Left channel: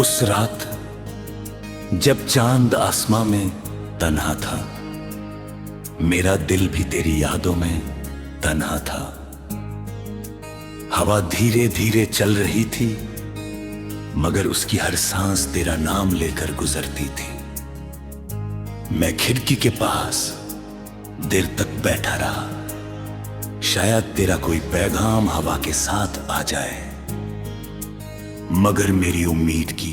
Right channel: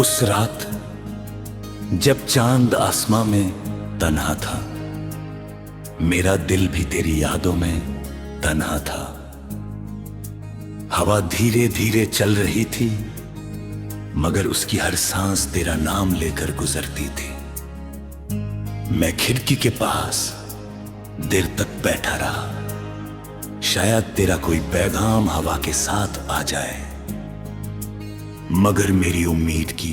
उस रात जब चांद आसमां में तन्हा था, मेरा दिल भी तेरी यादों में तन्हा था। हवा धीरे धीरे चल रही थी, मगर उसकी हर सांस तेरा नाम लेकर गुजरती थी। मैं खिड़की के पास देर तक बैठा रहा, शायद तेरा कोई पैगाम हवा के साथ आ जाए, मगर मेरी उम्मीद की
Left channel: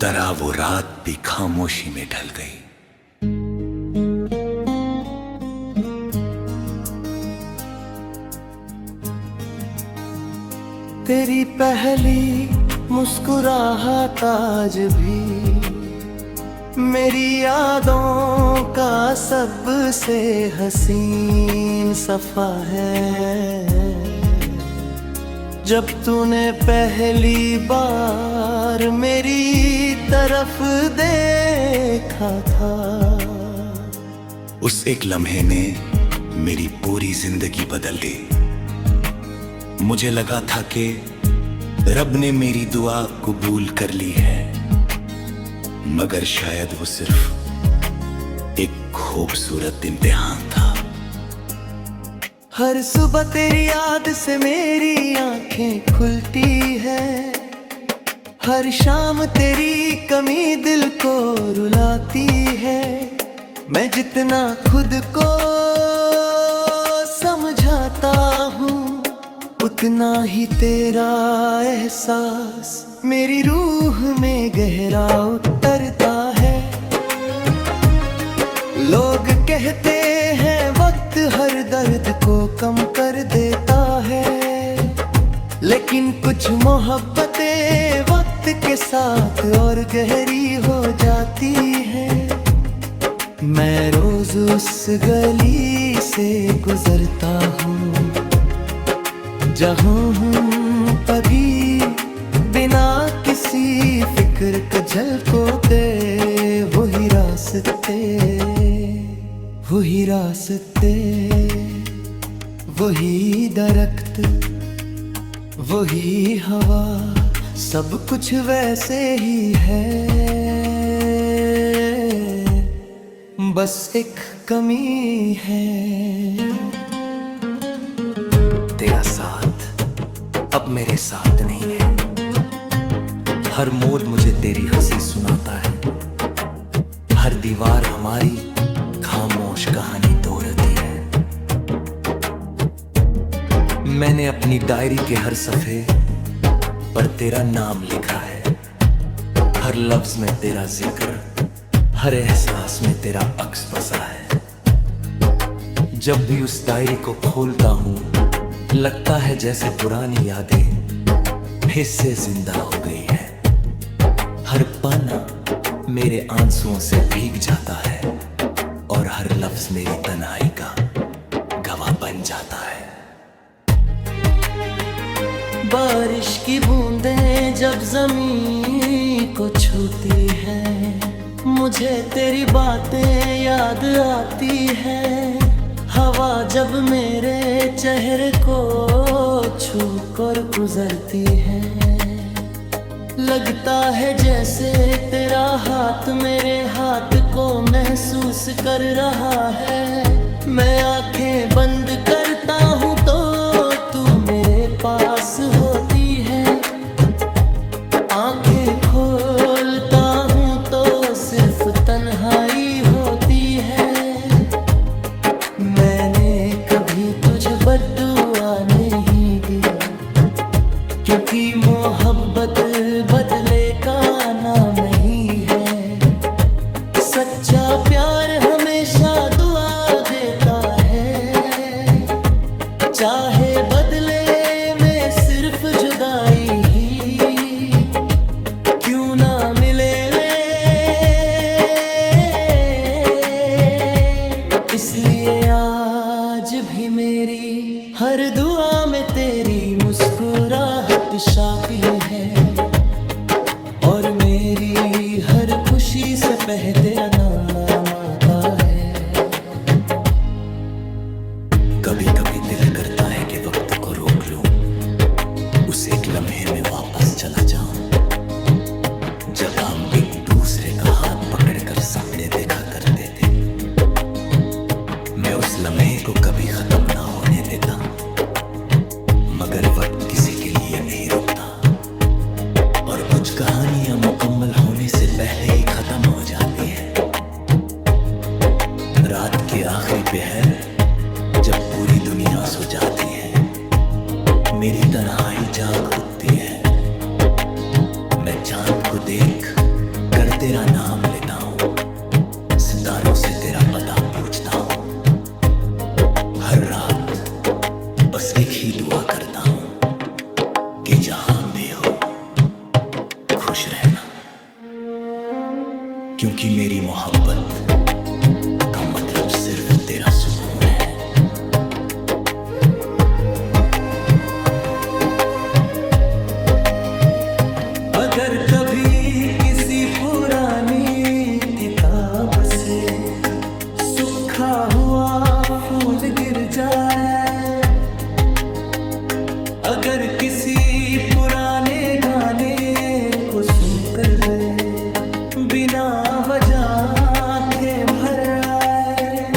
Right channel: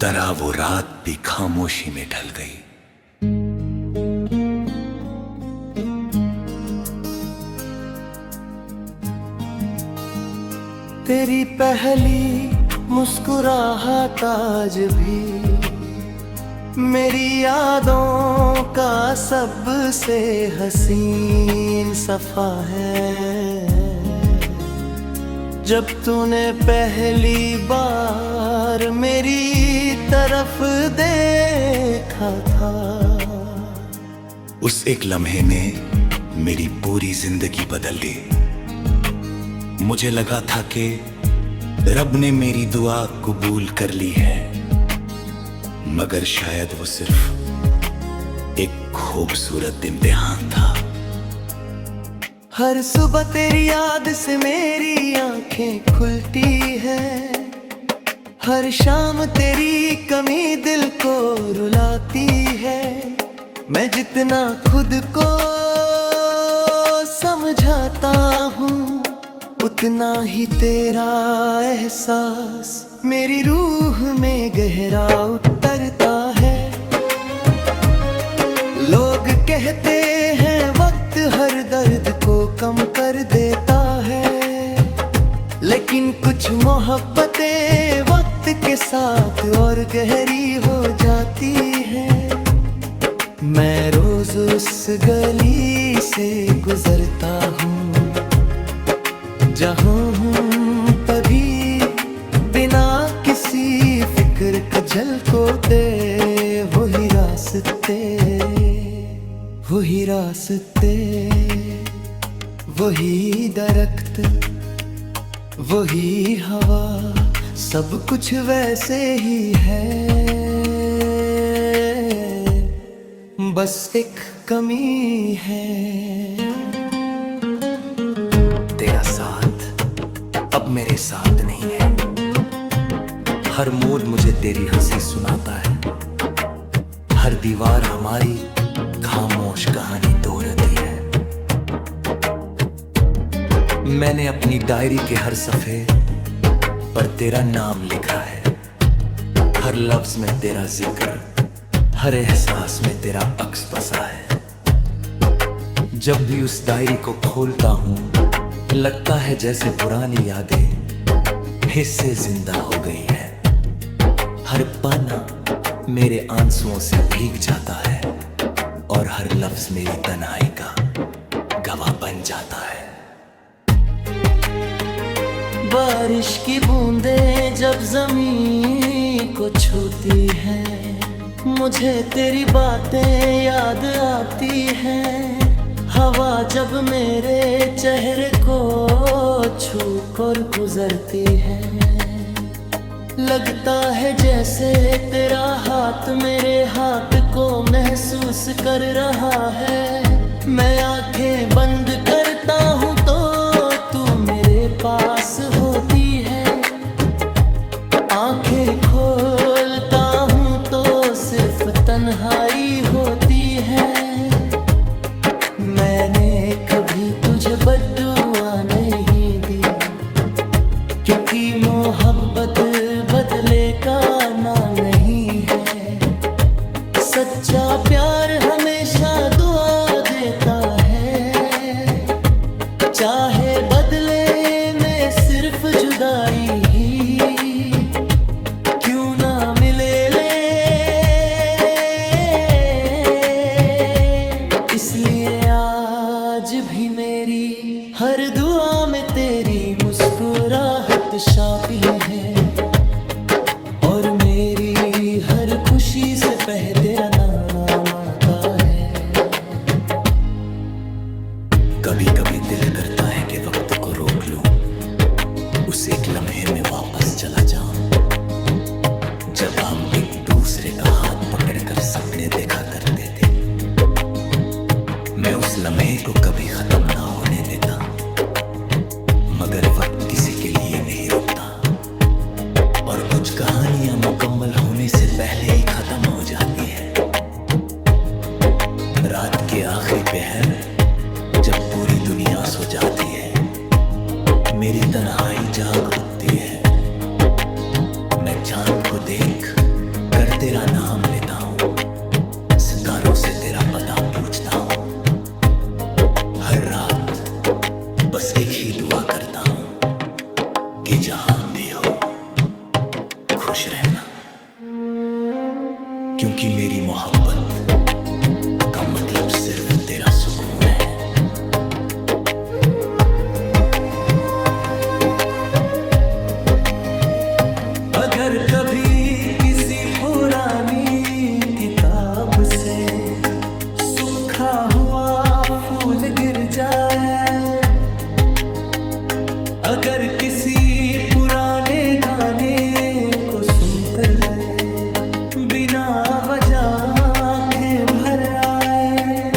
तरह वो रात भी खामोशी में ढल गई। तेरी पहली मुस्कुराहट आज भी मेरी यादों का सबसे हसीन सफा है। जब तूने पहली बार मेरी तरफ देखा था, उस एक लम्हे ने मेरी पूरी जिंदगी बदल दी। मुझे लगा था कि रब ने मेरी दुआ कबूल कर ली है, मगर शायद वो सिर्फ एक खूबसूरत इम्तिहान था। हर सुबह तेरी याद से मेरी आंखें खुलती है, हर शाम तेरी कमी दिल को रुलाती है। मैं जितना खुद को समझाता हूँ, उतना ही तेरा एहसास मेरी रूह में गहरा उतरता है। लोग कहते हैं वक्त हर दर्द को कम कर देता है, लेकिन कुछ मोहब्बतें वक्त के साथ और गहरी हो जाती हैं। मैं रोज उस गली से गुजरता हूँ, जहाँ हूँ पभी बिना किसी फिक्र के झलकोते वही रास्ते, वही रास्ते, वही दरख्त, वही हवा, सब कुछ वैसे ही है, बस एक कमी है। तेरा साथ अब मेरे साथ नहीं है। हर मोड़ मुझे तेरी हंसी सुनाता है, हर दीवार हमारी खामोश कहानी दोहराती है। मैंने अपनी डायरी के हर सफे पर तेरा नाम लिखा है, हर लफ्ज में तेरा जिक्र, हर एहसास में तेरा अक्स बसा है। जब भी उस डायरी को खोलता हूँ, लगता है जैसे पुरानी यादें फिर से जिंदा हो गई है। हर पन्ना मेरे आंसुओं से भीग जाता है, और हर लफ्ज मेरी तन्हाई का गवाह बन जाता है। बारिश की बूंदें जब जमीन को छूती हैं, मुझे तेरी बातें याद आती हैं। हवा जब मेरे चेहरे को छू कर गुजरती है, लगता है जैसे तेरा हाथ मेरे हाथ को महसूस कर रहा है। मैं आंखें बंद करता हूँ तो तू मेरे पास होती है, आंखें खोलता हूँ तो सिर्फ तन्हाई होती है। मैंने कभी तुझे बद्दुआ नहीं दी, क्योंकि मोहब्बत बदले का नाम नहीं है। सच्चा प्यार हमेशा दुआ देता है, चाहे बदले में सिर्फ जुदाई ही क्यों ना मिले। इसलिए आज भी मेरी हर दुआ में तेरी मुस्कुराहट शामिल है, और मेरी हर खुशी से पहले तेरा नाम आता है। कभी कभी दिल करता है कि वक्त को रोक लूं, उस एक लम्हे में वापस चला जाऊं, जब हम एक दूसरे का हाथ पकड़कर सपने देखा करते थे। मैं उस लम्हे को कभी खत्म ना होने देता, मगर वक्त किसी के लिए नहीं रुकता और कुछ कहानियां मुकम्मल होने से पहले ही खत्म हो जाती हैं। रात के आखिरी पहर जब पूरी दुनिया सो जाती है, मेरी तन्हाई जाग उठती है। मैं चांद को देख कर तेरा नाम लेता हूँ, सितारों से तेरा पता पूछता हूँ। हर रात बस एक ही दुआ करता हूँ कि जहां भी हो खुश रहना, क्योंकि मेरी मोहब्बत का मतलब सिर्फ तेरा सुकून है। अगर कभी किसी पुरानी किताब से सूखा हुआ फूल गिर जाए, अगर किसी पुराने गाने को सुनकर भी बिना वजह आंखें भर आए,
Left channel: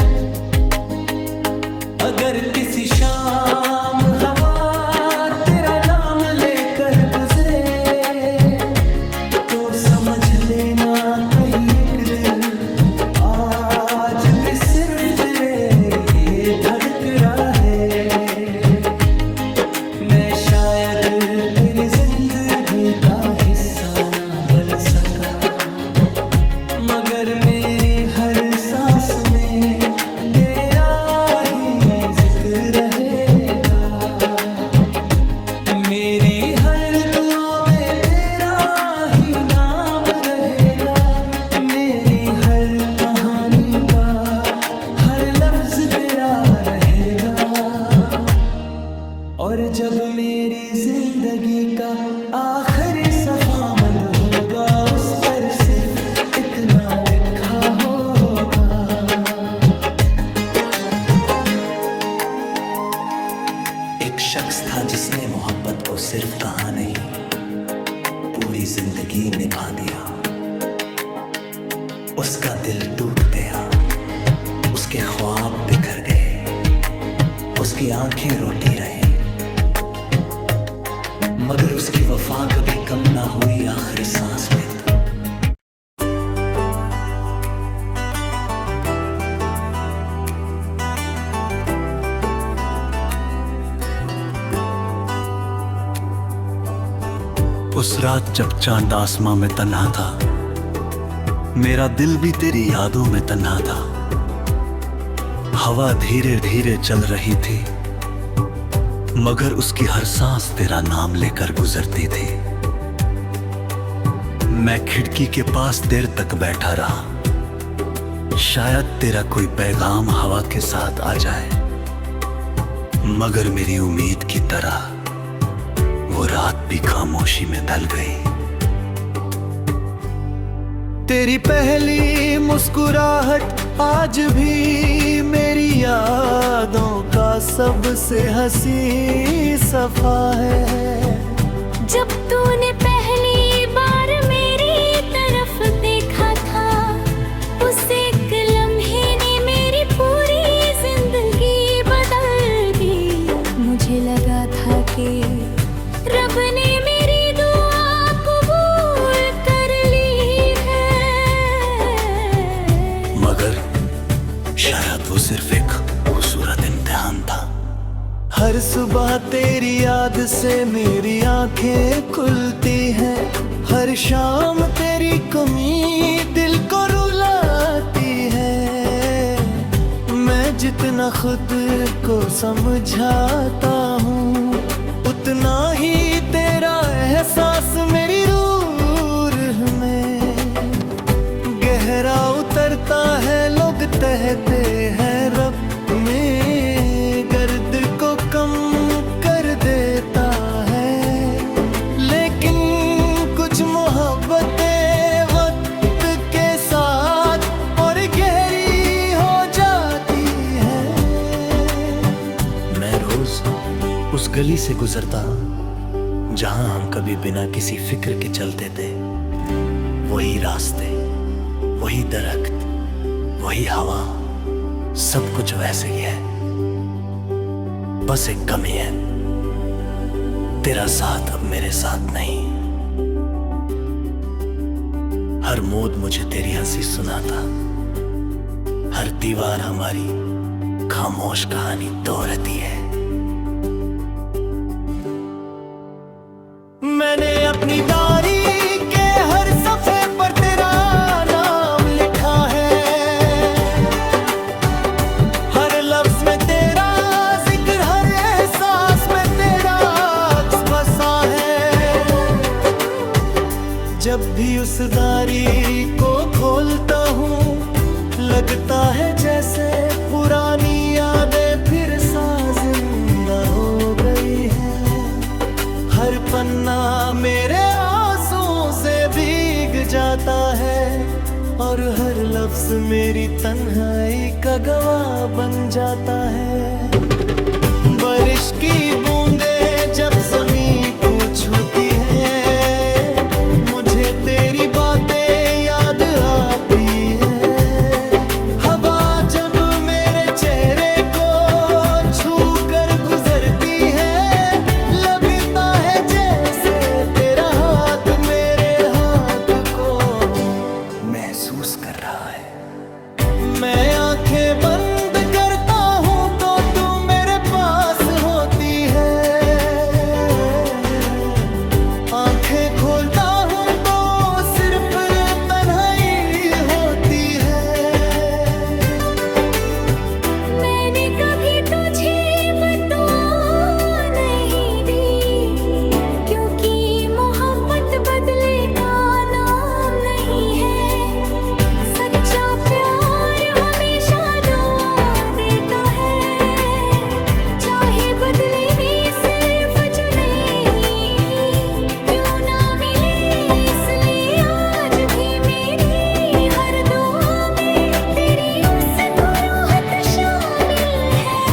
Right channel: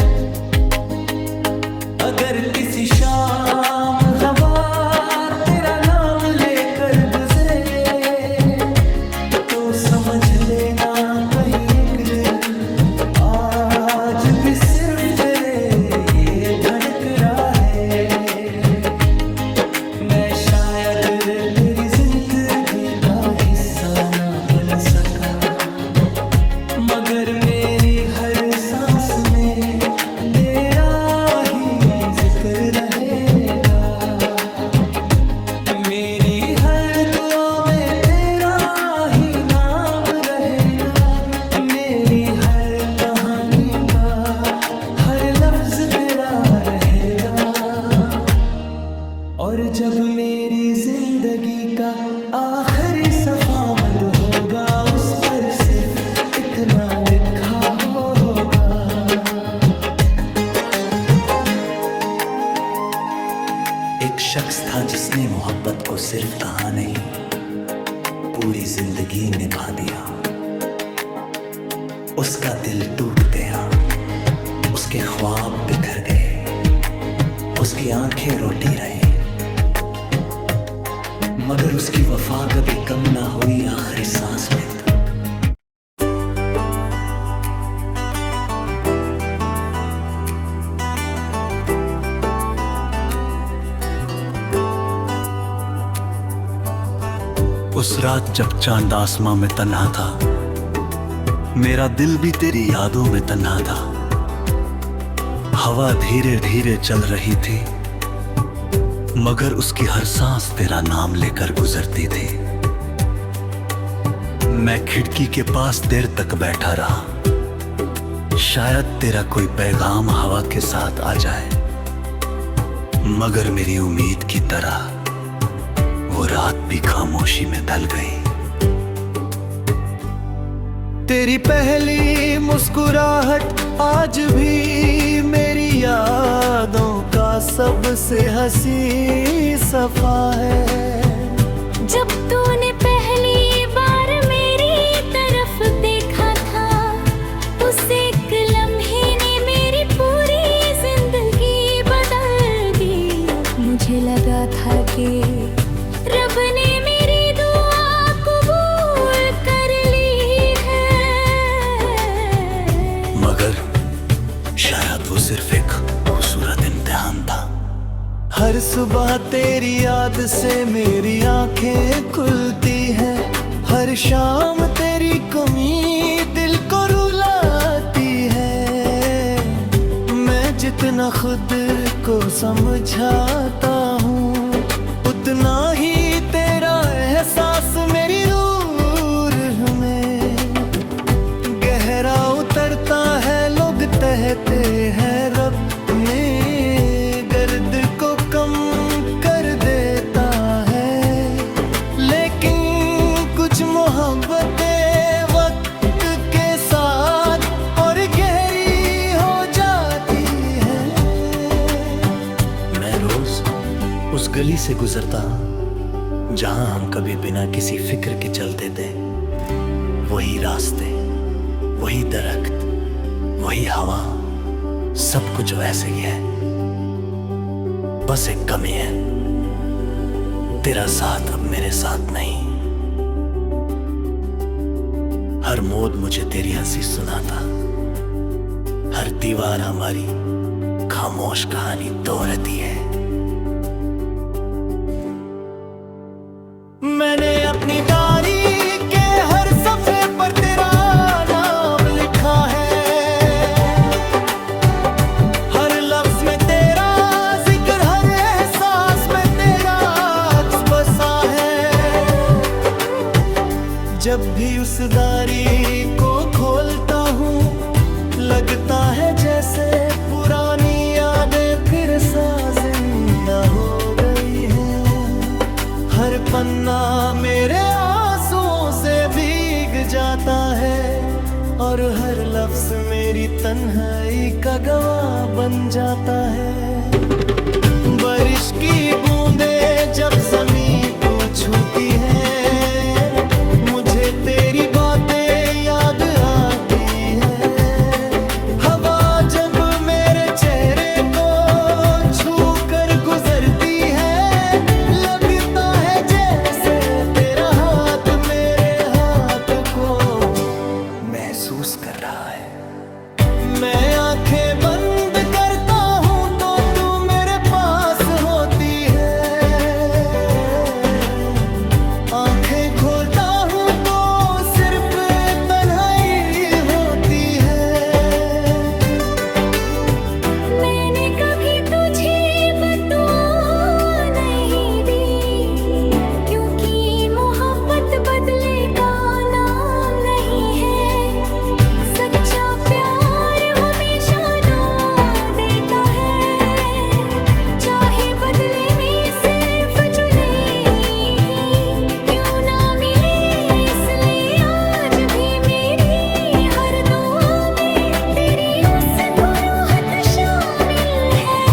अगर किसी शाम हवा तेरा नाम लेकर गुजरे, तो समझ लेना कहीं एक दिल आज भी सिर्फ तेरे ये धड़क रहा है। मैं शायद तेरी जिंदगी का हिस्सा ना बन सका, मगर मेरी हर सांस में तेरा ही जिक्र रहेगा। मेरी हर दुआ में तेरा ही नाम रहेगा, मेरी हर कहानी का हर लफ्ज तेरा रहेगा। और जब मेरी जिंदगी का आखिरी सफा मद होगा, उस पर सिर्फ इतना लिखा होगा। एक शख्स था जिसने मोहब्बत को सिर्फ कहा नहीं, पूरी जिंदगी निभा दिया। उसका दिल टूट गया, उसके ख्वाब बिखर गए, उसकी आंखें रोती रहीं, मगर उसकी वफा कभी कम ना हुई आखिरी सांस में। उस रात जब चांद आसमां में तन्हा था, मेरा दिल भी तेरी यादों में तन्हा था। हवा धीरे धीरे चल रही थी, मगर उसकी हर सांस तेरा नाम लेकर गुजरती थी। मैं खिड़की के पास देर तक बैठा रहा, शायद तेरा कोई पैगाम हवा के साथ आ जाए, मगर मेरी उम्मीद की तरह वो रात भी खामोशी में ढल गई। तेरी पहली मुस्कुराहट आज भी मेरी यादों का सबसे हंसी सफा है। जब तूने पहली बार मेरी तरफ देखा था, उस एक लम्हे ने मेरी पूरी जिंदगी बदल दी। मुझे लगा था कि रब ने मेरी दुआ कबूल कर ली है, मगर शायद वो सिर्फ एक खूबसूरत इम्तिहान था। हर सुबह तेरी याद से मेरी आंखें खुलती हैं, हर शाम तेरी कमी दिल को रुलाती है। मैं जितना खुद को समझाता हूँ, उतना ही तेरा एहसास मेरी रूह में गहरा उतरता है। लोग कहते हैं रब ने गर्द को कम कर देता है, लेकिन कुछ मोहब्बतें वक्त के साथ और गहरी हो जाती है। मैं रोज उस गली से गुजरता जहां हम कभी बिना किसी फिक्र के चलते थे, वही रास्ते, वही दरख्त, वही हवा, सब कुछ वैसे ही है। बस एक कमी है, तेरा साथ अब मेरे साथ नहीं। हर मोड़ मुझे तेरी हंसी सुनाता, हर दीवार हमारी खामोश कहानी दोहराती है। मैंने अपनी डायरी के हर सफे पर तेरा नाम लिखा है, हर लफ्ज में तेरा जिक्र, हर एहसास में तेरा अक्स बसा है। जब भी उस डायरी को खोलता हूँ, लगता है जैसे पुरानी यादें फिर सा जिंदा हो गई है। हर पन्ना मेरे आंसुओं से भीग जाता है, और हर लफ्ज मेरी तन्हाई का गवाह बन जाता है। बारिश की बूंदें जब जमीन को छूती है, मुझे तेरी बातें याद आती है। हवा जब मेरे चेहरे को छू कर गुजरती है, लगता है जैसे तेरा हाथ मेरे हाथ को महसूस कर रहा है। मैं आंखें बंद करता हूँ तो तू मेरे पास होती है, आंखें खोलता हूँ तो सिर्फ तन्हाई होती है। मैंने कभी तुझे बदुआ नहीं दी, क्योंकि मोहब्बत बदले का नाम नहीं है। सच्चा प्यार हमेशा दुआ देता है, चाहे बदले में सिर्फ चुने ही क्यों ना मिले। इसलिए आज भी मेरी हर दुआ में तेरी मुस्कुराहट शामिल है।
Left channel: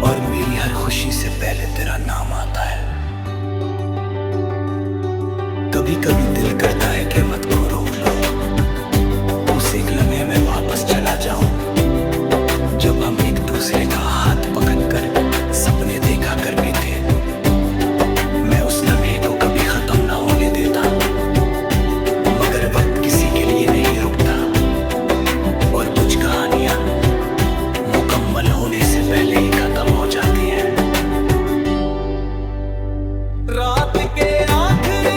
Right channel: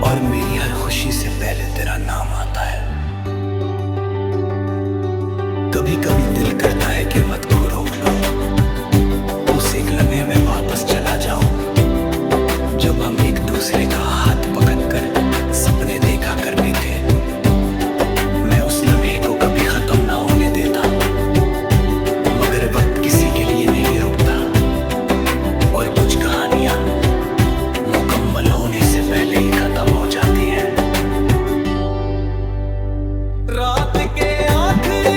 और मेरी हर खुशी से पहले तेरा नाम आता है। कभी कभी दिल करता है कि वक्त को रोक लूं, उस एक लम्हे में वापस चला जाऊं जब हम एक दूसरे का हाथ पकड़कर सपने देखा करते थे। मैं उस लम्हे को कभी खत्म ना होने देता, मगर वक्त किसी के लिए नहीं रुकता, और कुछ कहानियां मुकम्मल होने से पहले ही खत्म हो जाती हैं। रात के आखिरी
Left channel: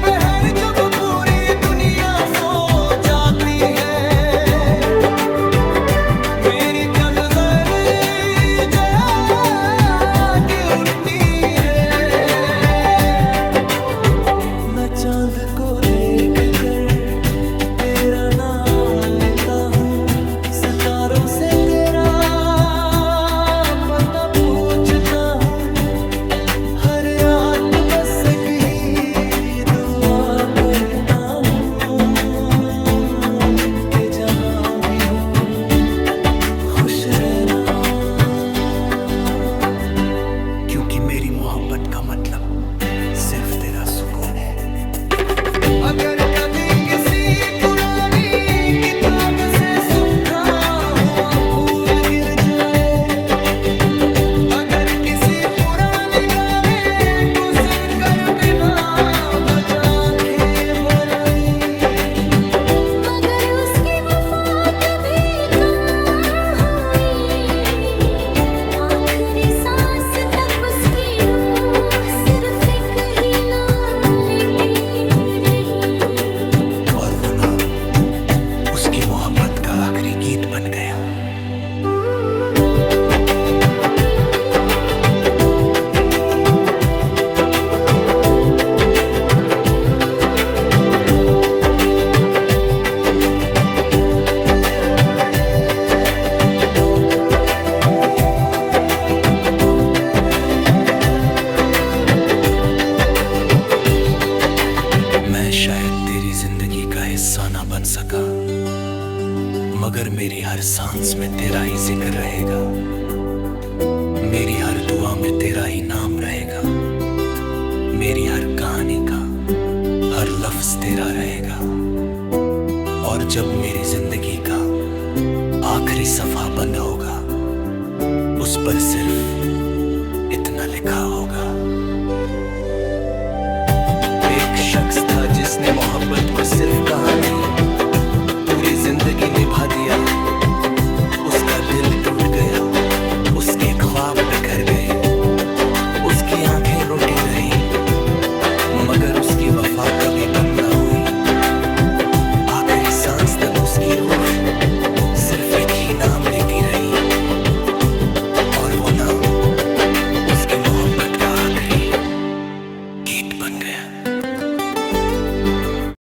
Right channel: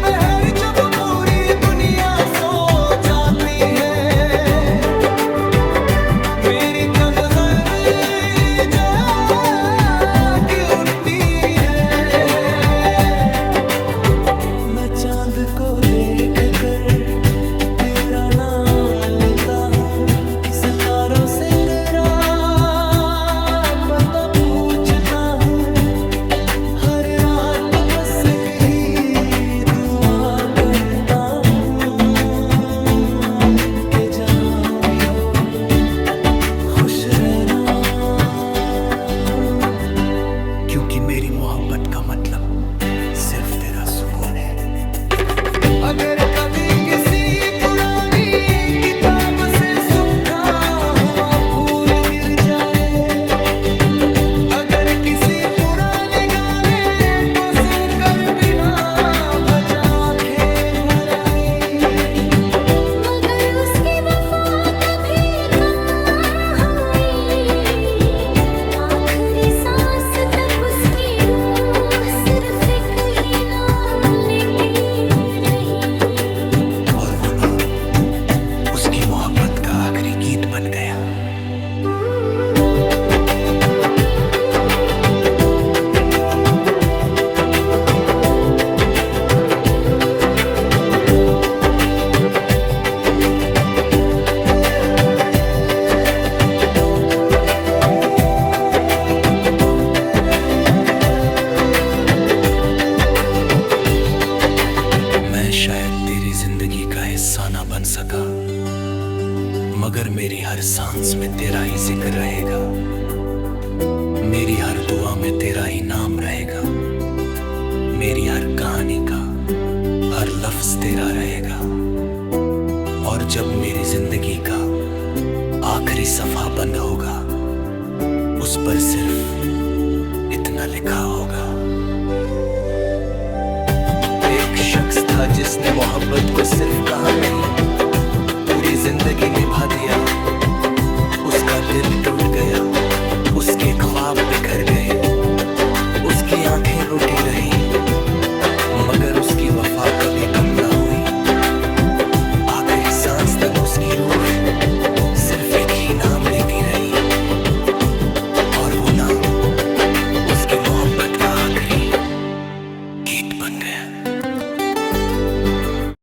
पहर जब पूरी दुनिया सो जाती है, मेरी तनवर जाग उठती है। मैं चांद को देख कर तेरा नाम लेता हूँ, सितारों से तेरा पता पूछता हूँ। हर रात बस एक ही दुआ करता हूँ कि जहाँ भी हो खुश रहना, क्योंकि मेरी मोहब्बत का मतलब सिर्फ तेरा सुकून है। अगर कभी किसी पुरानी किताब से सूखा हुआ फूल गिर जाए, अगर किसी पुराने गाने को सुनकर बिना वजह आंखें भर आई, मगर उसकी वफा कभी कम हुई, आखिरी सांस तक उसकी रूह सिर्फ एक ही नाम लेती रही। और वो नाम उसकी मोहब्बत का आखिरी गीत बन गया। मैं शायद तेरी जिंदगी का हिस्सा ना बन सका, मगर मेरी हर सांस में तेरा ही जिक्र रहेगा। मेरी हर दुआ में तेरा ही नाम रहेगा। मेरी हर कहानी का हर लफ्ज तेरा रहेगा। और जब मेरी जिंदगी का आखिरी सफा बंद होगा, उस पर सिर्फ इतना लिखा होगा। एक शख्स था जिसने मोहब्बत को सिर्फ कहा नहीं, पूरी जिंदगी निभा दिया। उसका दिल टूट गया, उसके ख्वाब बिखर गए, उसकी आंखें रोटी रही, मगर उसकी वफा कभी कम ना हुई। आखिरी सांस तक उसकी रूह सिर्फ एक ही नाम लेती रही, और वो नाम उसकी मोहब्बत का आखिरी